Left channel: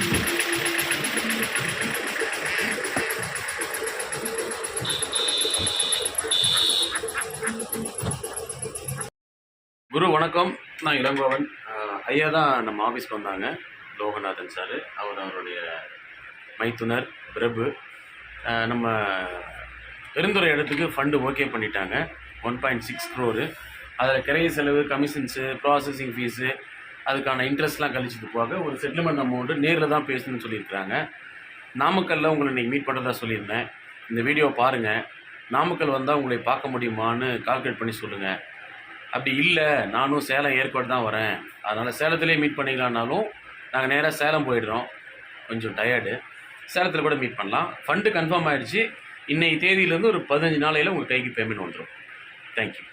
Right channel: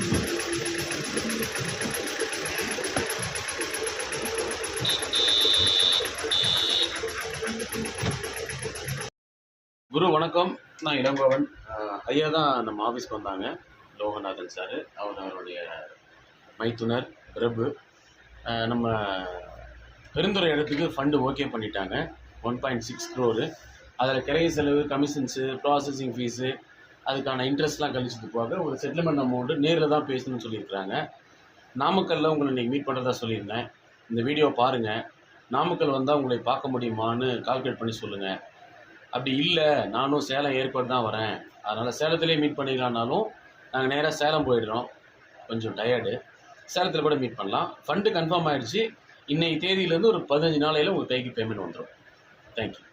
குரு வணக்கம். நான் இளங்கோவன். ஐயா தான் நம்ம ஆஃபீஸ்க்கு வந்தாங்க. லோகநாதன் சார், அவருடைய மைத்துனர் பிரபு. நம்ம பெருந்துறை இடத்துக்கு ஃபண்டு ஓகே பண்ணிட்டாங்க. 1.6 crore. அதில் கிரைய செலவு, கமிஷன்ஸு, ப்ராசஸிங் ஃபீஸு, அதுக்கான இன்ட்ரெஸ்ட்லாம் கழிச்சது போக ஒரு செட்டில்மெண்ட் அமௌண்ட்டு நேரில் தான் பேசணும்னு சொல்லியிருக்கிறாங்க. நாமக்கல்லில் உங்களை இன்றைக்கி மீட் பண்ணுறதா சொல்லியிருந்தேன். இந்த வீடியோ பாருங்கள். நாமக்கல் வந்தால் உங்களை பார்க்க முடியுமான்னு கால்குலேட் பண்ணி சொல்லுங்கள். அப்படி இல்லை, நானும் சேலம் ஏற்காடு தான் வரேன், அதனால் சேலத்திலே மீட் பண்ணிக்கலான்னாலும் நாங்கள் நேராக சேலம் போயிடுறோம். கொஞ்சம் டயர்டு. சேலத்தில் கூட மீட் பண்ணலாம். ஃபண்டு கன்ஃபார்ம் ஆகிடுச்சு. இன்றைக்கி தேதியிலேருந்து ஒரு 15 நாளையில் உங்கள் கைக்கு பேமெண்ட் வந்துடும். தேங்க்யூ.